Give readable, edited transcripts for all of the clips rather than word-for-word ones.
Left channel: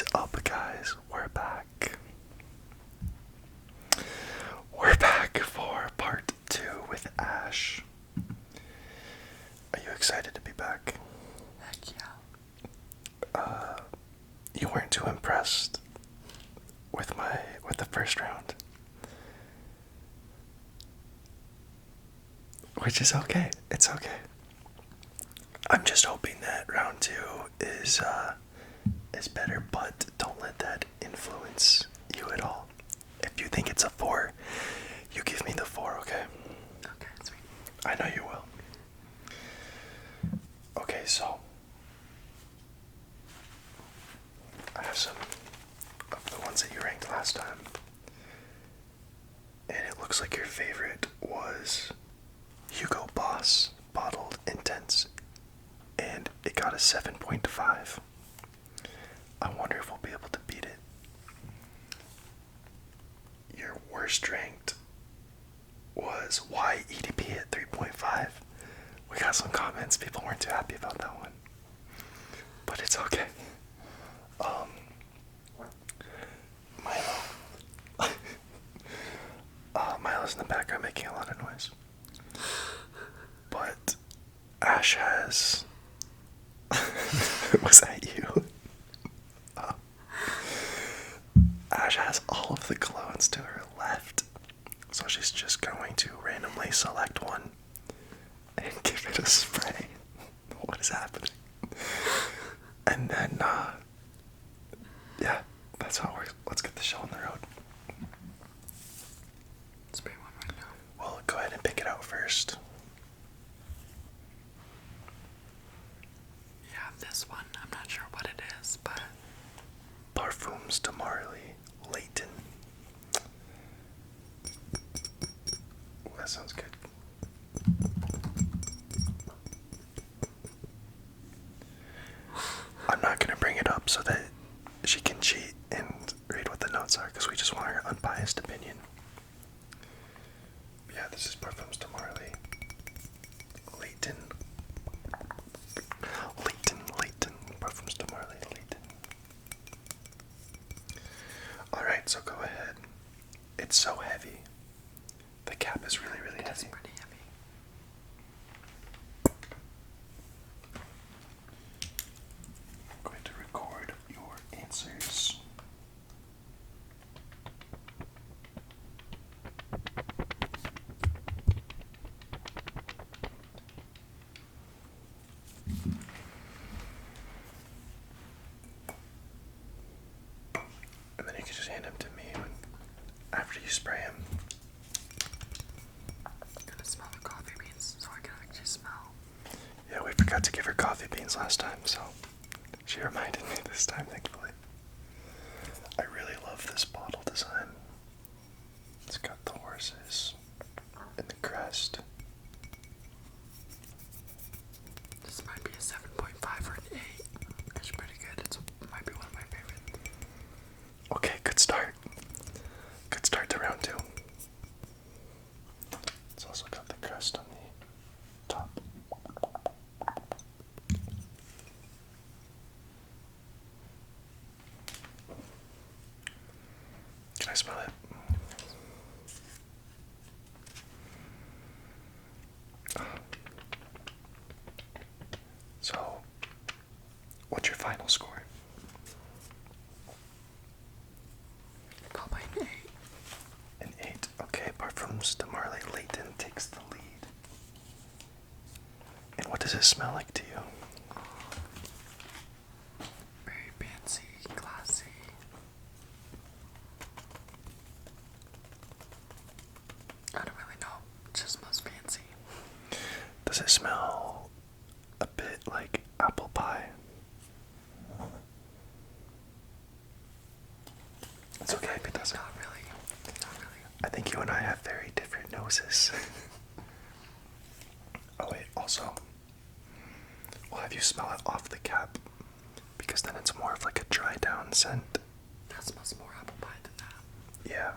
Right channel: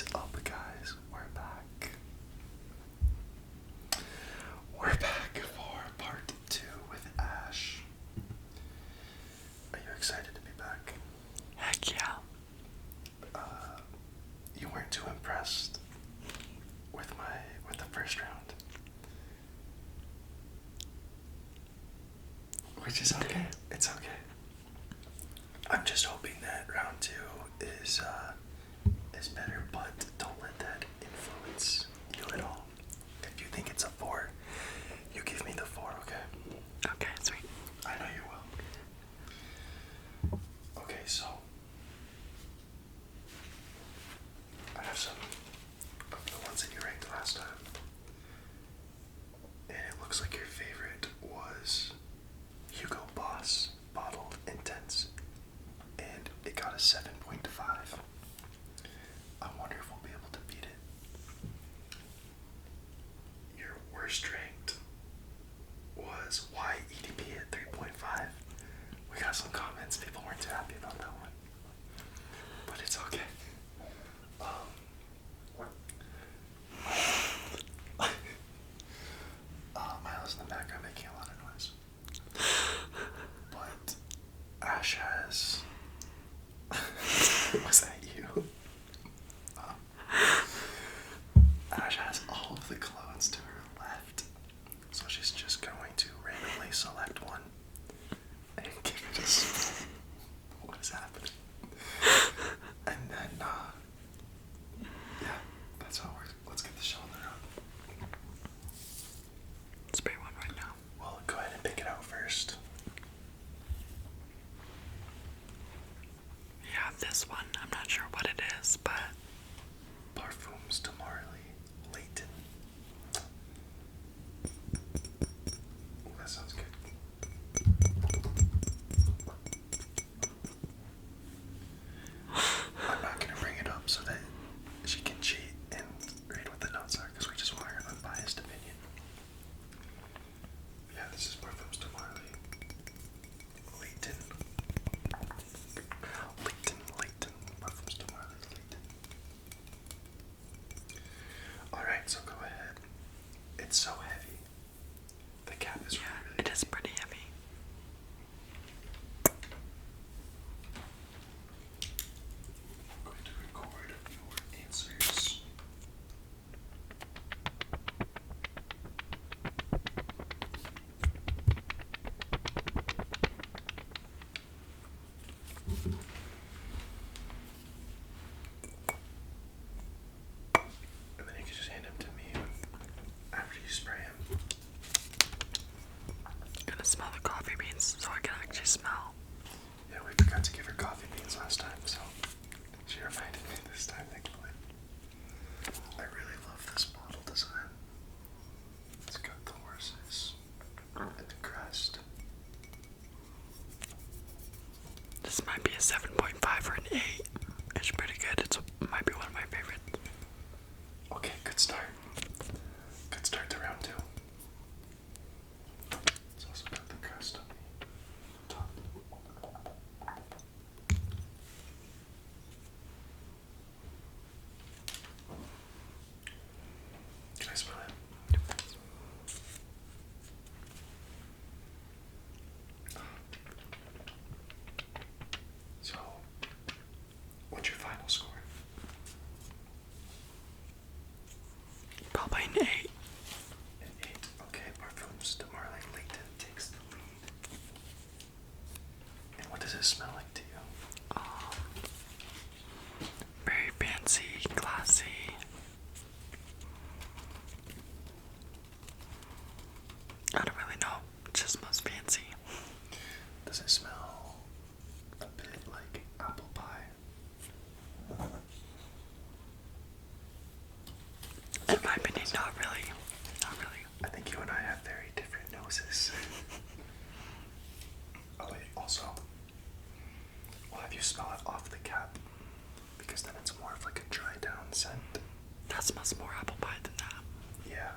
is up, guys? We're back. We're back for part 2 with Ash. Are you excited to be back? Heck yeah. You weren't too impressed with the first round. Which is okay. It's okay. I'm just hoping that round 2 is better, but don't let that influence you at all. If you think it's a 4, you give me the 4, okay? Okay, sweet. I know you will. Okay, so I have some of the ones that you ranked last time. And it looks like your favorite was Hugo Boss Bottled Intense. And it got a 7.5. I wonder if we'll be able to beat it. Your worst ranked was Y EDP at 3.5. We got some comments. People weren't too happy about that one. But it's okay. Milo's in the background making a lot of noise. But Ash has... Was that you? Ash has all of the colognes to her left. So she's just going to randomly select one and give it a spray. What is happening? And then, yeah, that's how it works. Let's get the show on the road. Spray one right now. Well, go ahead and pick it out first. Yeah, this one. I'm not sure what it is, but... Perfums de Marley, Layton. Ooh, that sounds good. I'm not going to bring it up so that she can cheat and read what the notes are, because we just want her unbiased opinion. Yeah, this is Perfums de Marley. Layton. Layton. Perfums de Marley, Layton. Alright, so go ahead. It's so heavy. The cap is really heavy. It is pretty heavy. I'm going to record your answers. And then you can just hand them to me after you spray them. I'm gonna smell the coffee beans so I can actually smell. Yeah, we forgot to give her coffee beans last time, so she reminded me this time, thankfully. I really love this bottle design. It's got the horses and the crest. This might be a 7.5 or an 8. It's pretty good. It might be one of my favorites. Okay, good start. Good start to round 2. It's also got the crest on the top. Can I smell it? So, what's your final score? Probably an 8. An 8. Okay, Parfums de Marley Layton takes the lead. And what does it smell like to you? Very fancy, classy. I don't really know. It just smells fancy. Does it smell a bit like apple pie? It's In okay, my it opinion, doesn't. not really. Not really. I think you and I have very different noses. Oh wait, also, we'll have you smell it off the cap, because then it's more of like a dry down scent. That smells more apple pie than that. Yeah.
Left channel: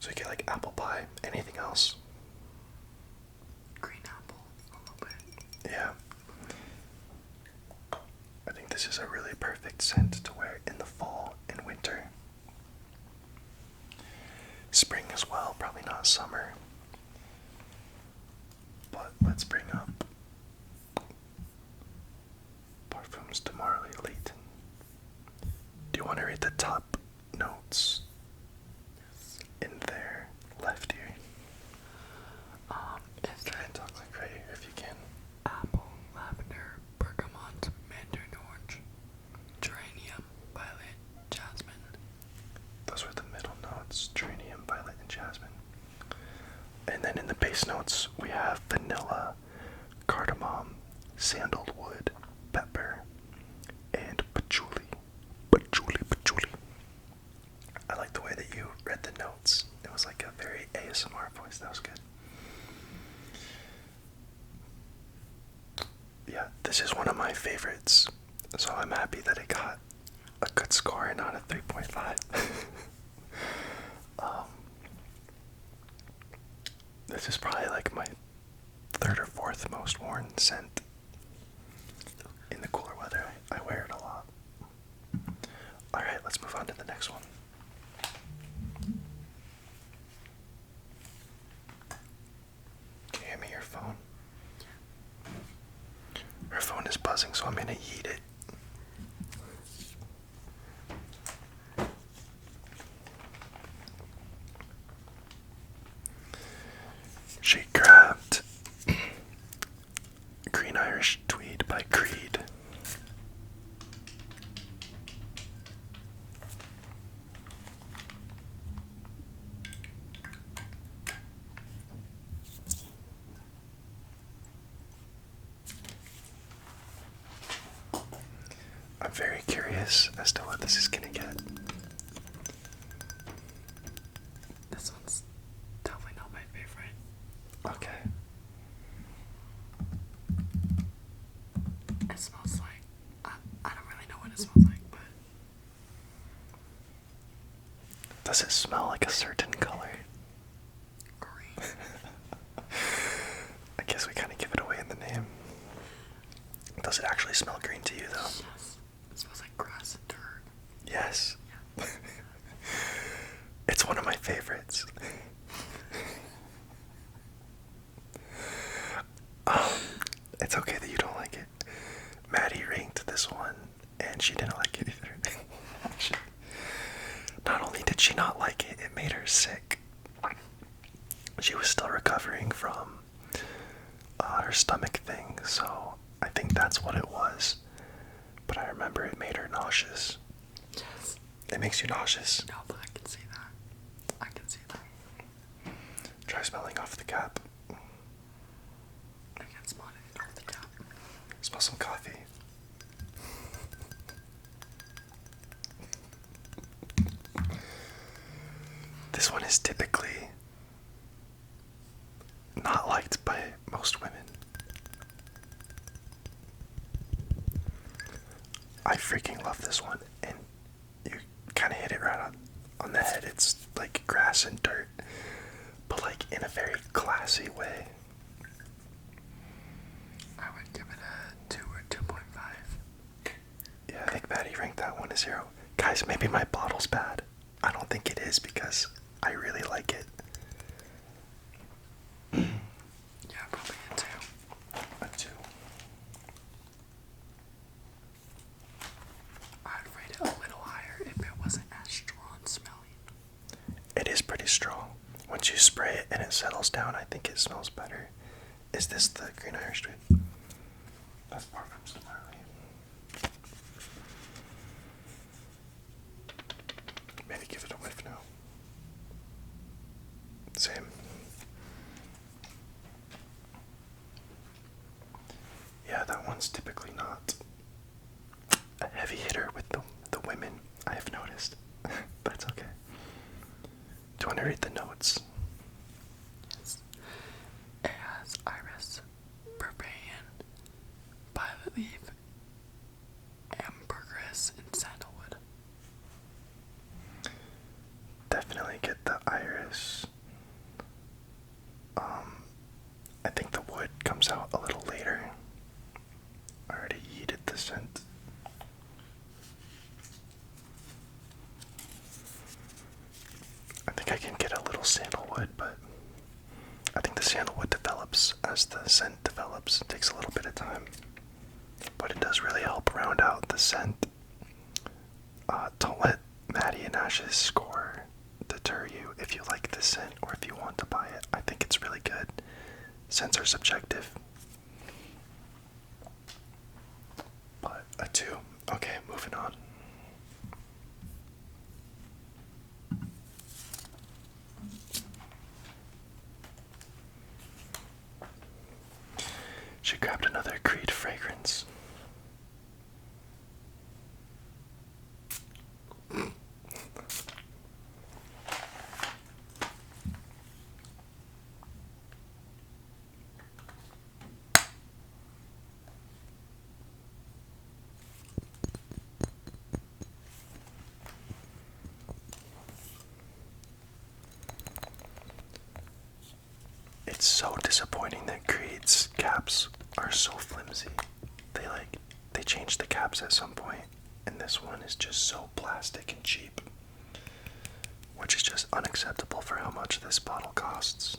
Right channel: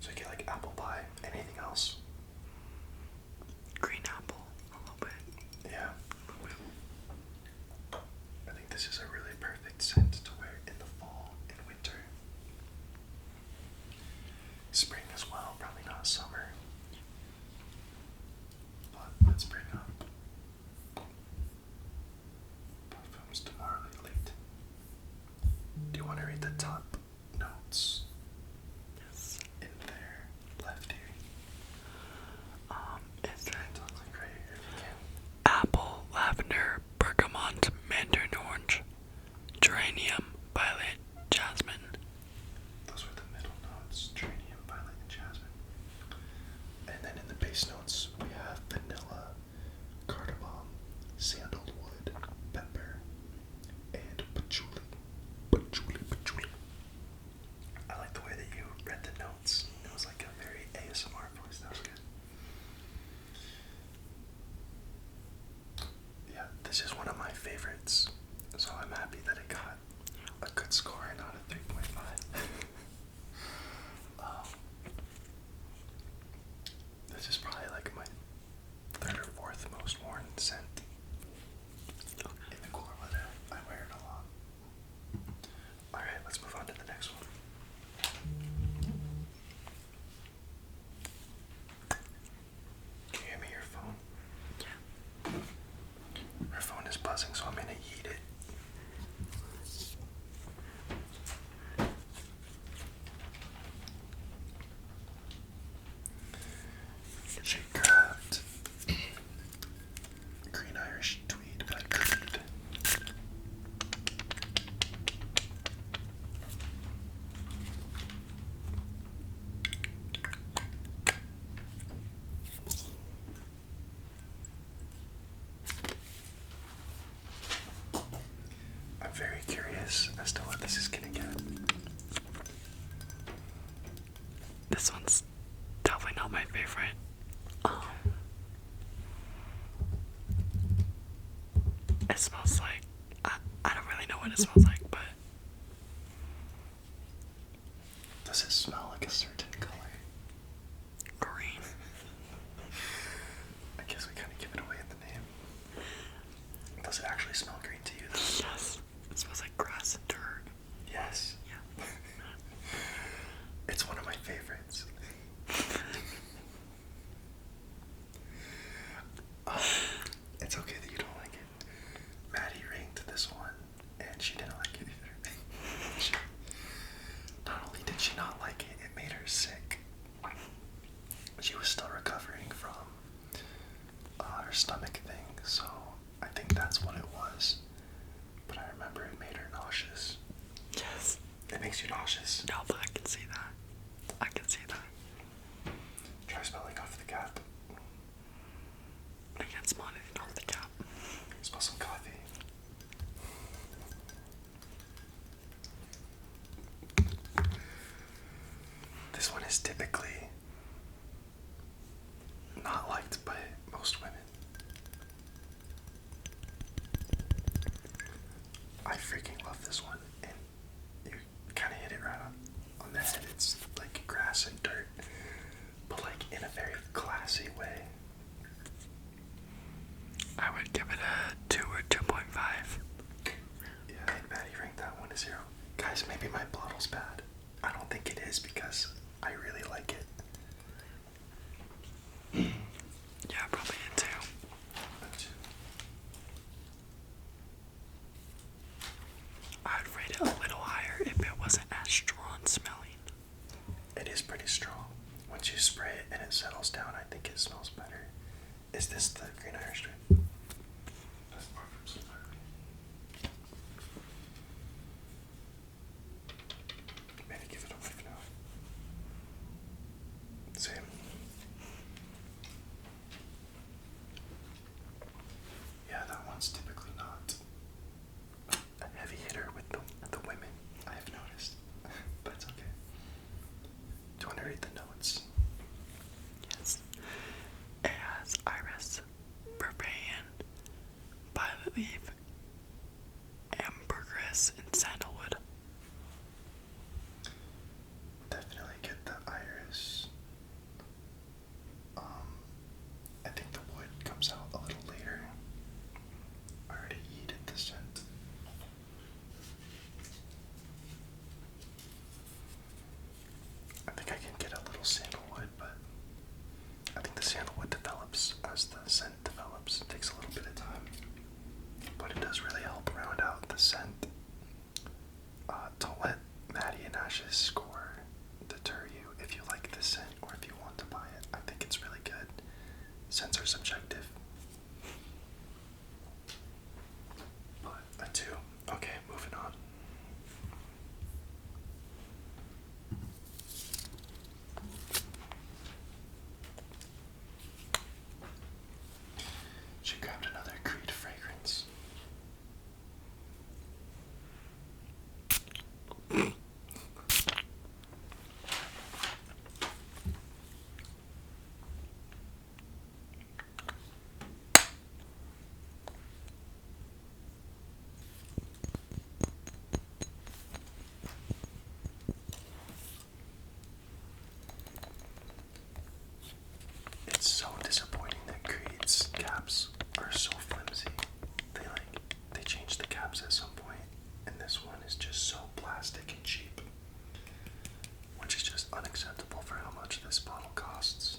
So you get like apple pie. Anything else? Green apple, a little bit. Yeah. I think this is a really perfect scent to wear in the fall and winter. Spring as well, probably not summer. But let's bring up Parfums de Layton. Do you want to read the top notes? Yes. In there, left here. Is Try and talk like right here if you can. apple, lavender, bergamot, mandarin orange, geranium, violet, jasmine. Those are the middle notes: geranium, violet, and jasmine. And then in the base notes, we have vanilla, cardamom, sandalwood, pepper, and patchouli. Patchouli. I like the way that you read the notes. It was like a very ASMR voice. That was good. Yeah, this is one of my favorites. So I'm happy that it got a good score and not a 3.5. This is probably like my third or fourth most worn scent in the cooler weather. I wear it a lot. Alright, let's move on to the next one. Can you hear me, your phone? Yeah. Her phone is buzzing, so I'm gonna eat it. She grabbed Green Irish Tweed by Tweed. I'm very curious as to what this is gonna get. This one's definitely not my favorite. Okay. It smells like, I don't really know what it smells like, but Does it smell like a certain color? green. I guess we kind of give it away in the name. Does it actually smell green to you, though? Yes. It smells like grass and dirt. Yes. Yeah. It's one of my favorites. It's okay that you don't like it. Maddie ranked this one, and she didn't like it either. Not only did she not like it, it made her sick. She was still recovering from her stomach thing, so I think that's what it was. But I remember it made her nauseous. Yes. It makes you nauseous. No, but I can see that. I can see that. Try smelling off the cap. I can't smell anything off the cap. Smell some coffee. This one is typically not liked by most women. I freaking love this one, and you kind of hit it right on the head. It's like grass and dirt, but like in a very classy way. I would give it a 2 or 2.5. Yeah, I think Maddie ranked that one a 0. Guys, maybe my bottle's bad. I don't think it is because I really like it. Yeah, probably a 2. A 2. I'd rate it a little higher if it wasn't as strong smelling. It is pretty strong. Once you spray it and it settles down, I think it smells better. Is this the Green Irish Tweed? That's Perfums entirely. Maybe give it a whiff now. Same. Yeah, that one's typically not a heavy hitter with the women, I have noticed. But it's okay. Do you want to read the notes? Yes. It has iris, vervain, violet leaf, as the scent develops. It takes a little bit of time, but it does really help round out the scent. Don't let Maddie and Ash's score deter you if you like this scent or if you want to buy it. I think it's really good. Scents are subjective. But a 2. Okay, moving on. She grabbed another Creed fragrance. It's so disappointing that Creed's caps are so flimsy. They changed the caps at some point, and this one is just so plastic and cheap, which is just unacceptable for how much this bottle costs.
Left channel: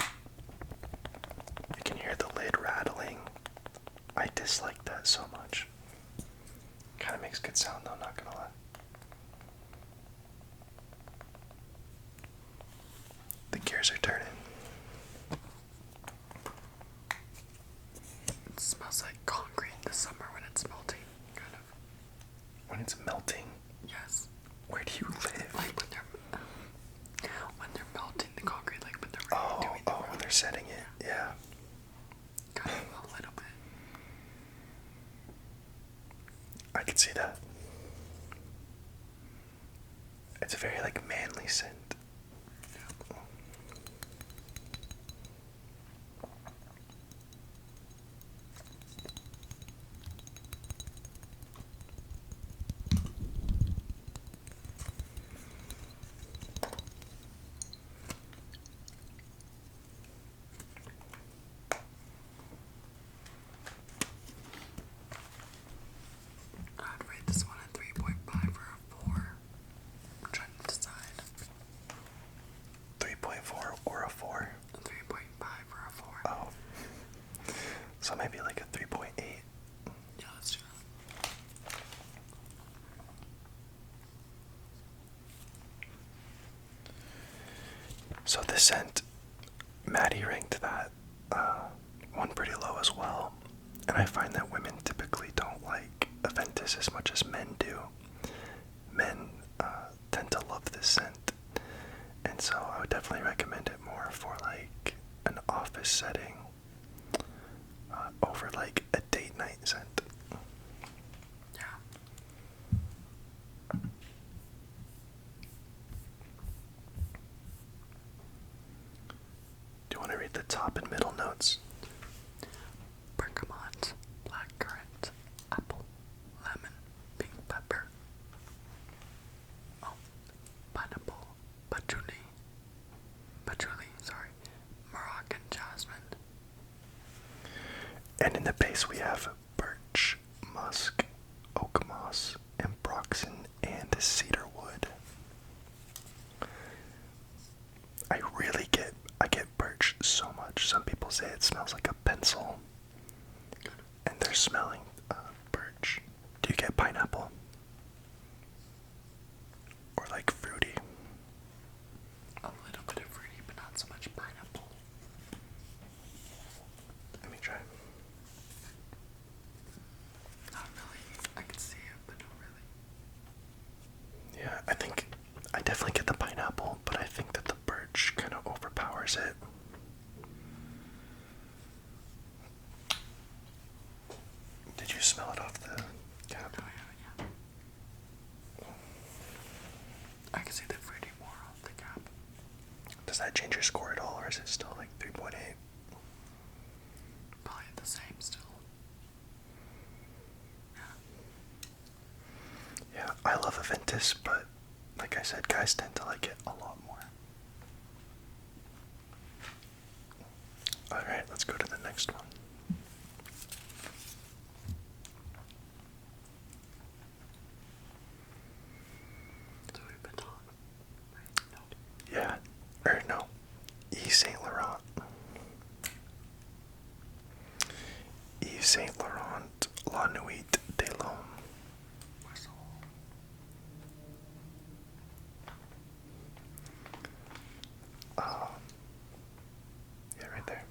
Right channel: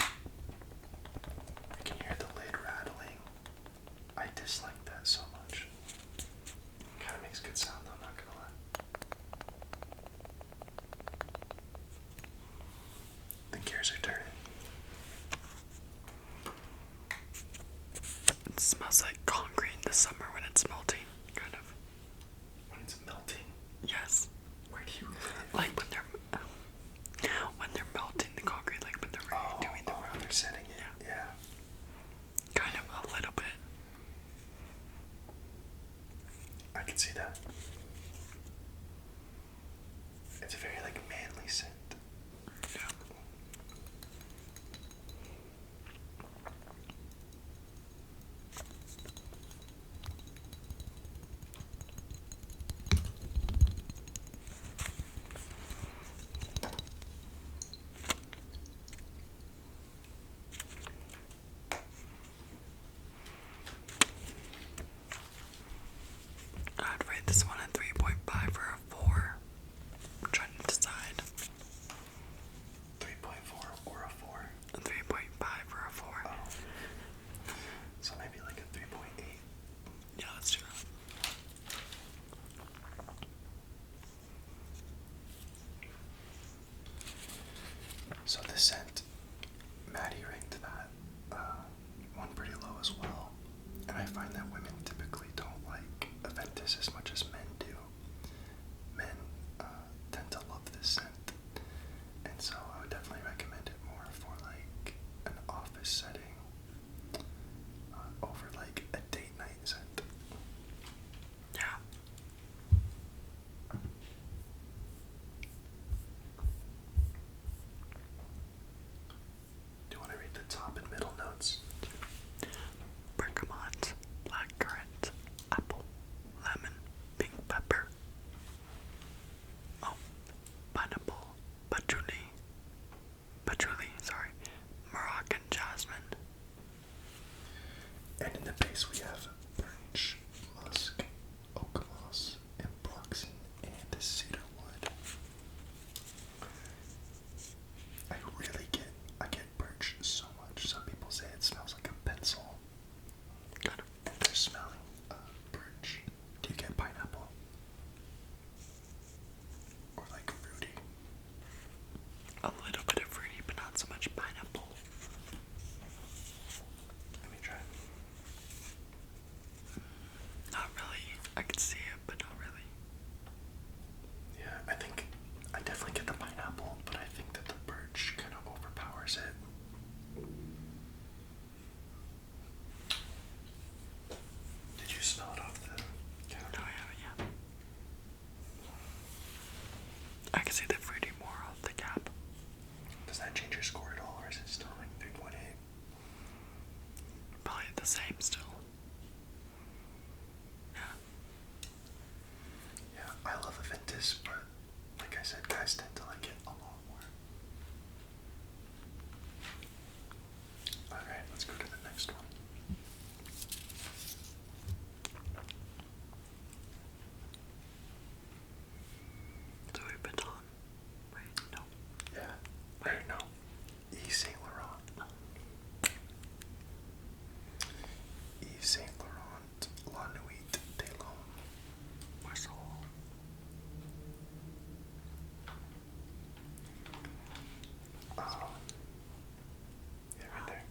I can hear the lid rattling. I dislike that so much. Kind of makes good sound though, not gonna lie. The gears are turning. It smells like concrete in the summer when it's melting, kind of. When it's melting? Yes. Where do you live? Like when they're melting the concrete, like when they're really doing the when they're setting it, yeah. Kind of a little bit. I can see that. It's a very manly scent. Yeah. I'd rate this one a 3.5 or a 4. I'm trying to decide. 3.4 or a 4? A 3.5 or a 4. Oh. So maybe like a 3.8. Yeah, let's do that. So this scent, Maddie ranked that one pretty low as well. And I find that women typically don't like Aventus as much as men do. Men tend to love this scent. And so I would definitely recommend it more for an office setting over a date night scent. Yeah. Do you want to read the top and middle notes? Bergamot, blackcurrant, apple, lemon, pink pepper. Oh, pineapple, patchouli, Moroccan jasmine. And in the base we have birch, musk, oak moss, ambroxan, and cedar wood. I get birch so much. Some people say it smells like a pencil. And they're smelling birch. Do you get pineapple? Or fruity? A little bit of fruity, but not so much pineapple. Let me try. Not really. I can see it, but not really. Yeah, I definitely get the pineapple, but I think that the birch kind of overpowers it. Did you smell it off the cap? No, yeah. I can see the fruity more off the cap. Does that change your score at all, or is it still 3.8? Probably the same still. Yeah. Yeah, I love Aventus, but like I said, guys tend to like it a lot more. Alright, let's go to the next one. Louis Vuitton. Wait, no. Yeah, or no. Saint Laurent La Nuit de l'Homme. Whistle. Yeah, right there.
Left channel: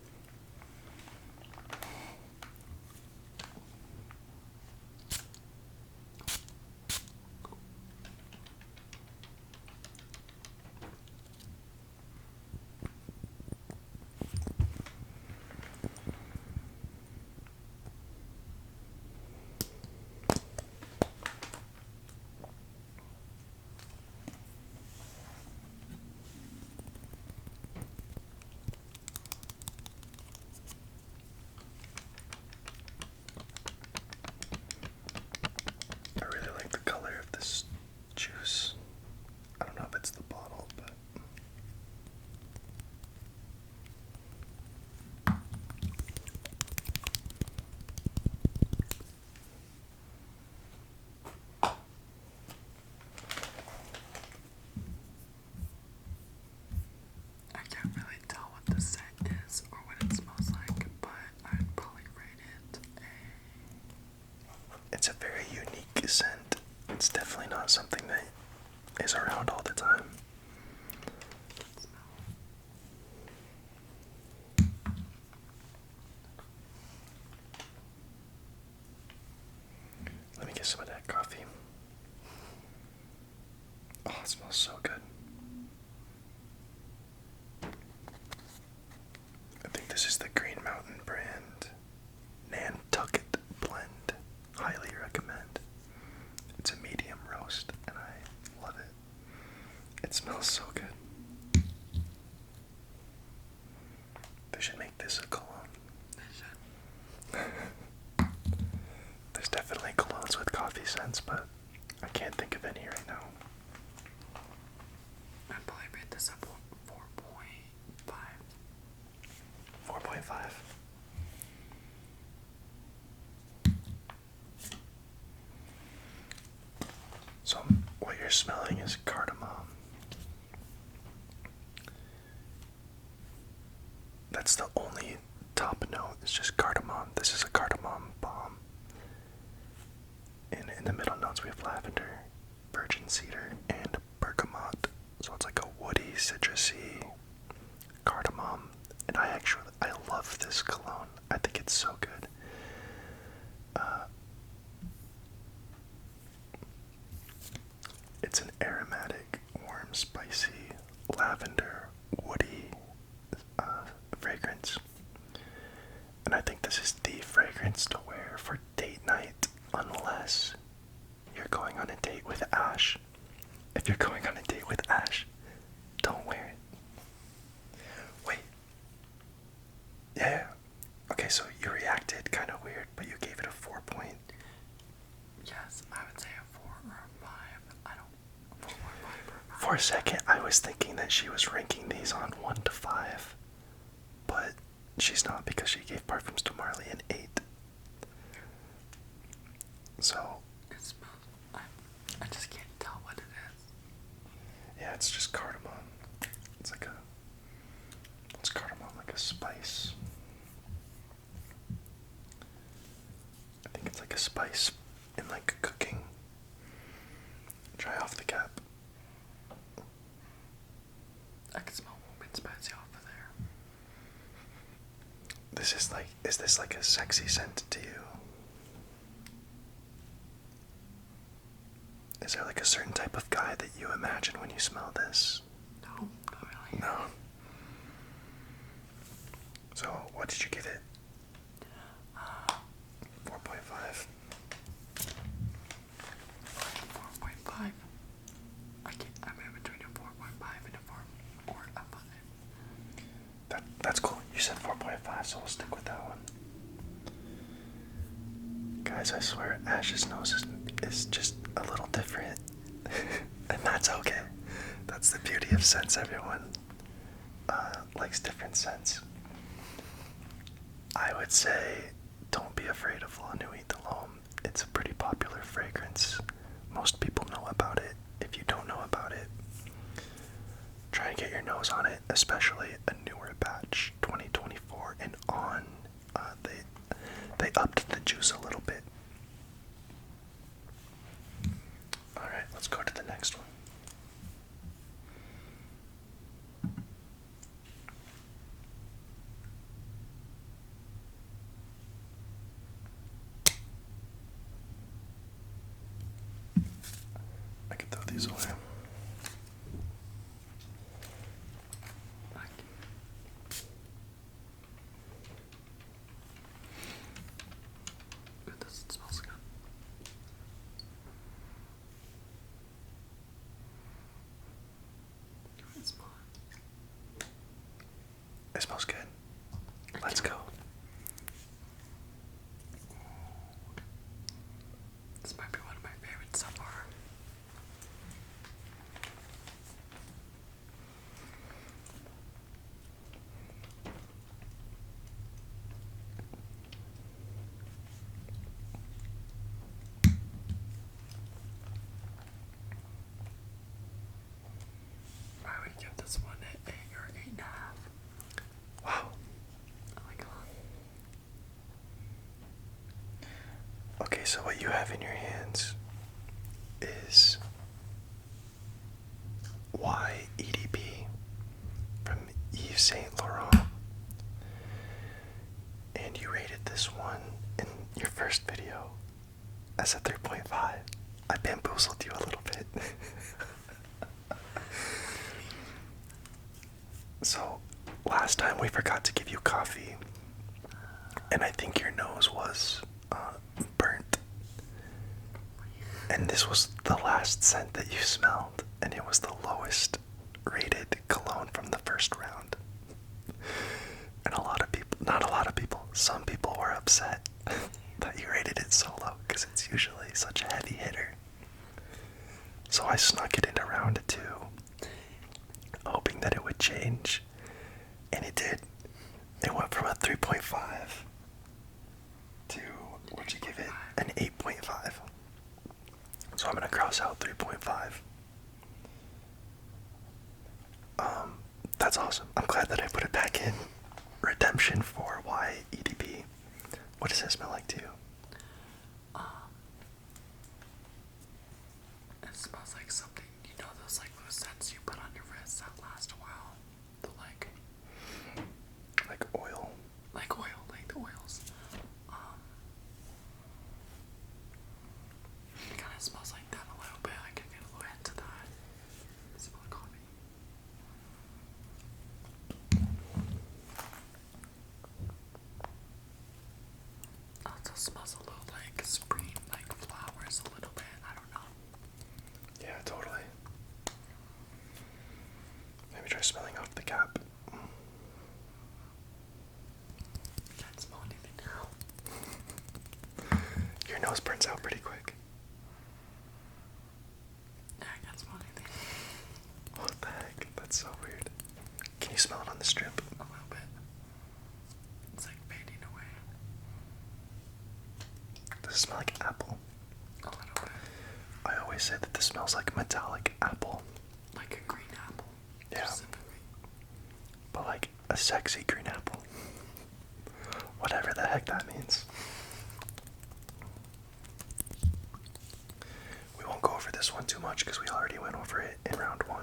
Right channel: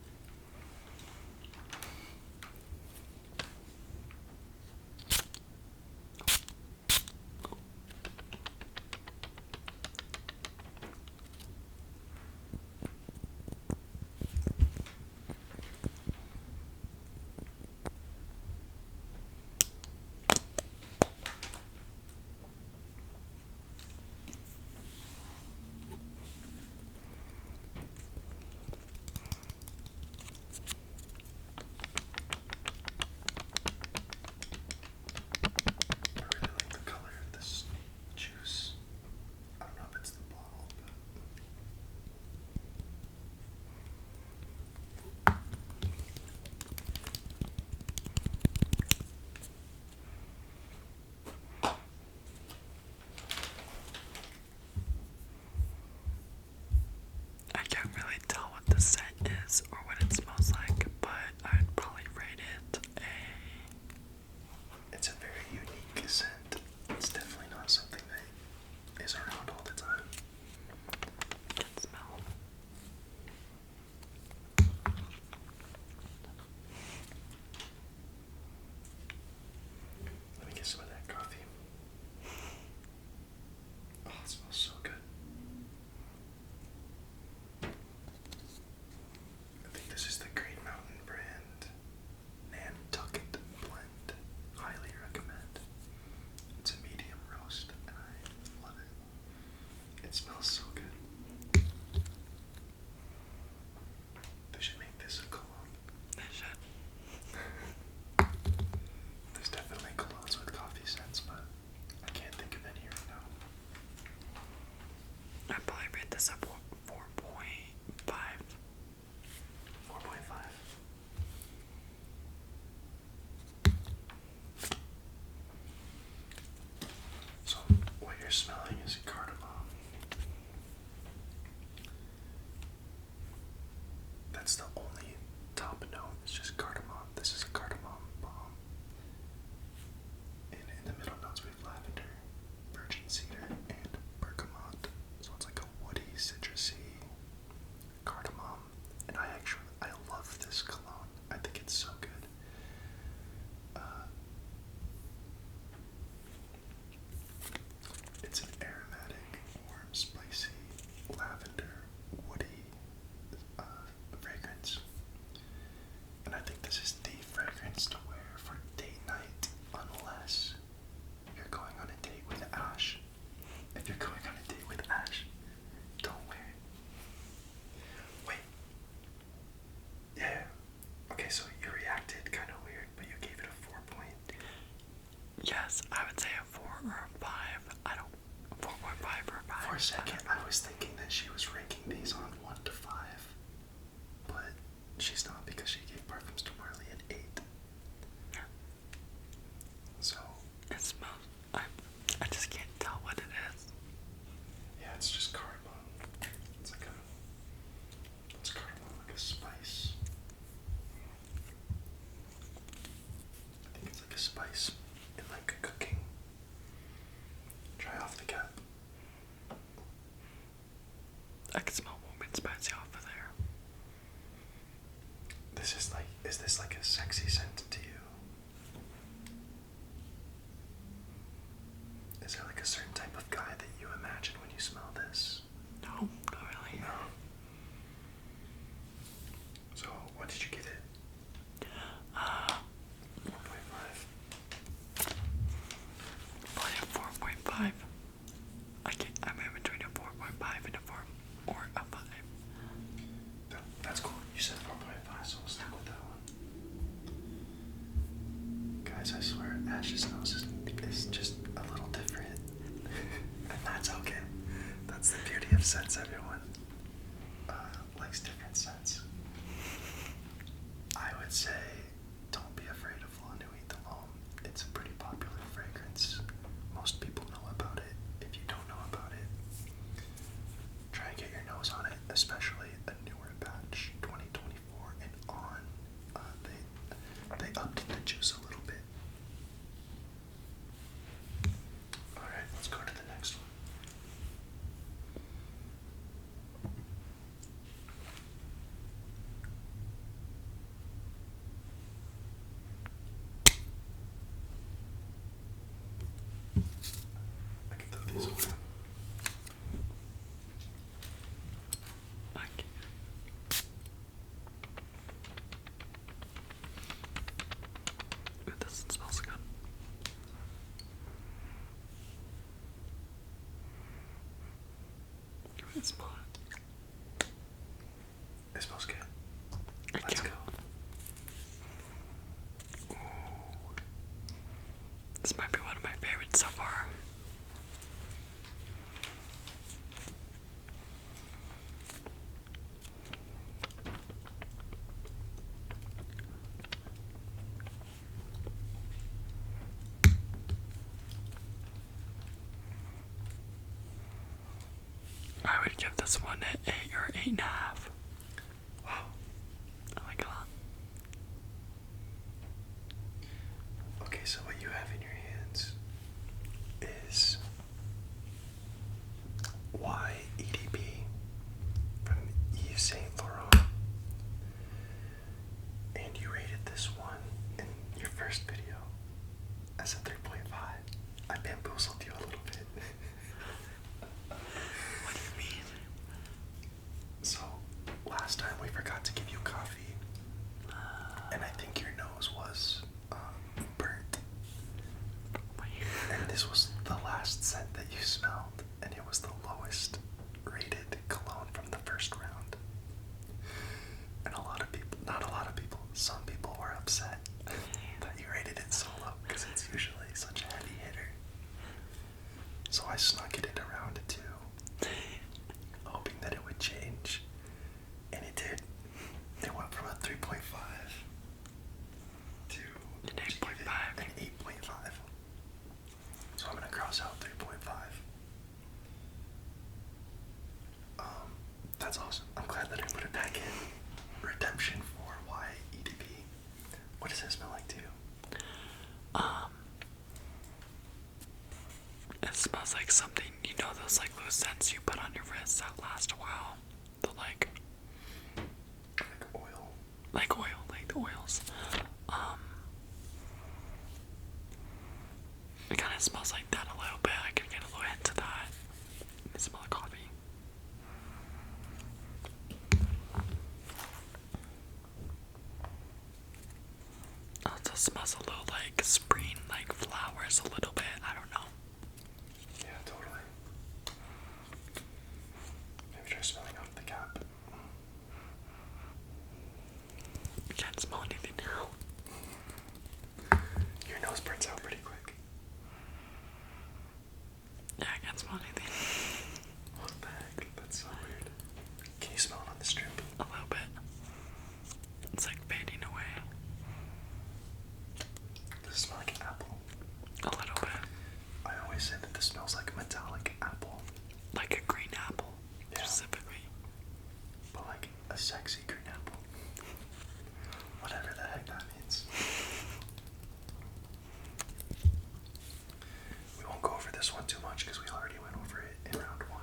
I really like the color of this juice. I don't know if it's the bottle, but I can't really tell what the scent is or what it smells like, but I'd probably rate it a. it's a very unique scent. It's definitely not something that is around all the time. Good smell. Let me get some of that coffee. Oh, it smells so good. I think this is the Green Mountain brand Nantucket blend. Highly recommend. It's a medium roast and I love it. It smells so good. They should make this a cologne. They should. There's definitely colognes with coffee scents, but I can't think of any right now. I'd probably rate this a 4.5. 4.5. So what you're smelling is cardamom. That's the only top note. It's just cardamom. This is a cardamom bomb. And in the middle notes we have lavender, virgin cedar, and bergamot. So it's like a woody, citrusy cardamom. And I love this cologne. I think it's so good. It's an aromatic, warm, spicy, lavender, woody fragrance. And I think this is the fragrance to wear for date night, unless you're going on a date with Ash. If you're going on a date with Ash, don't wear it. Wait. Yeah. Okay, so you reacted kind of weird, but you gave it a 4 point. Yes, I would say a 4 or a 5. I don't. 4.5 or a 5. For a second, I was thinking that she was ranking these on 1 to 5, but she's not because she gave Perfums to Marley an 8. So, It smells. I just can't tell what it is. yeah, it's just cardamom. It's cardamom like a spice. I think it's like a spice in like cooking. Try off the cap. I can smell warm and spicy off of there. Is this like a sexy scent to you? Is there like a certain type of guy that you imagine when you smell this? No, not really. No. So, what did you give it? 4.5. Probably a 4.5. I'm in between a 4.5 and a 4 or a 5. That's cool. You said 4.5, so we'll stick with that one. Guys, I swear, Ash's nose is just a little different. And that's okay. That's the beauty of scents, everyone. Likes different scents. I would say, don't be afraid of La Nuit de l'Homme. It's a pretty popular fragrance. Most people know about it. If you don't know about it, try and get your nose on it, especially a newer batch, 2024 and on. They I upped the juice a little bit. Alright, let's go to the next one. I can throw these away. Ooh, this smells good. Give me a smell. It smells good. Let's go. Ooh. This might be one of my favorites so far. I would give this one an 8 or 8.5. Wow. I like it a lot. Okay, so what you have in your hands is Y EDP from Yves Saint Laurent. And you rated this one in your first video as a 3.5. I bamboozled you a little bit. So, last time we forgot to give you coffee, and I think your nose was burnt. And this was the last scent that you smelled, and it was the lowest rated cologne from the first round. And some people were upset that you rated it so low, because it's usually such a heavy hitter. So I snuck it into round 2, hoping that it would change, and it did. It went from a 3.5 to an 8.5. So I'm gonna cross out 3.5. That's awesome. I'm glad that I put it back in. Redemption for Y EDP. What does it smell like to you? It smells like something, you know, those like loose scents you put on your wrists that last a while. The like oil. Like oil, like the oils. It kind of smells like that a little bit. I could get a little hint of that. It smells like coffee. Also smells a little like spring, like flowers a little bit. I don't know. Yeah, totally. Maybe try smelling off the cap. You can't smell anything now. Your nose burns out pretty quick. Yeah, I can't smell anything. What the heck? That's so weird. Can you smell it on the strip? A little bit. It's like fading away. Does it smell like apple? A little bit. I always say that this smells like metallic apple. Like a green apple. Yeah. Specifically. But like a sexy green apple. Whatever the heck that means. We won't go over this one too much because we already went over it in round 1.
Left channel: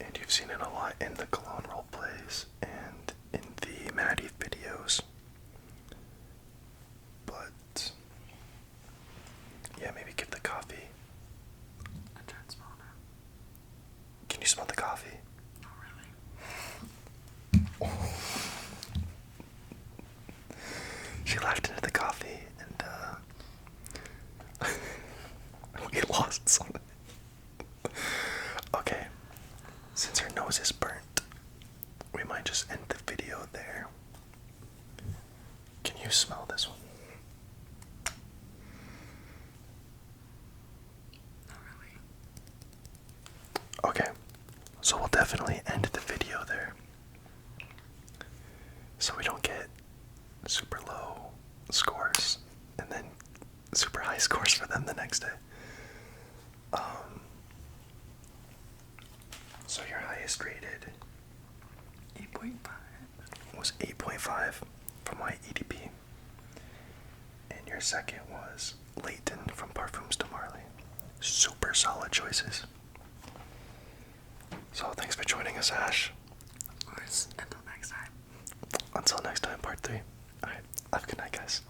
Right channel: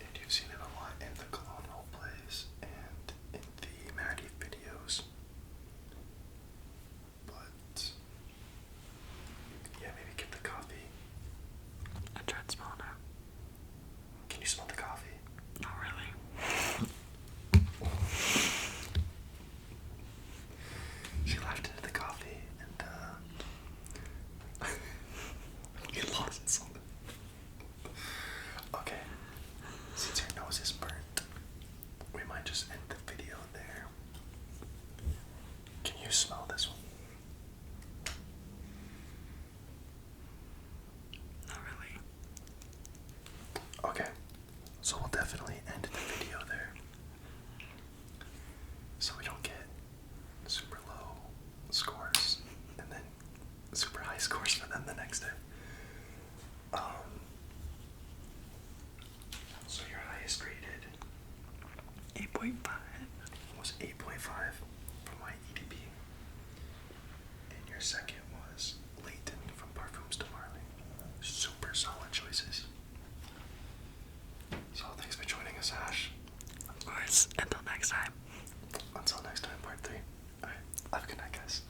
And you've seen it a lot in the Cologne roleplays and in the Maddie videos. But yeah, maybe get the coffee. I tried smelling it. Can you smell the coffee? Not really. She laughed into the coffee and we lost something. Okay, since her nose is burnt, we might just end the video there. Can you smell this one? Not really. Okay, so we'll definitely end the video there. So we don't get super low scores and then super high scores for them the next day. So your highest rated 8.5. was 8.5 from Y EDP. And your second was Layton from Parfums de Marly. Super solid choices. So thanks for joining us, Ash. Of course, until next time. Until next time, part 3. Alright, have a good night, guys.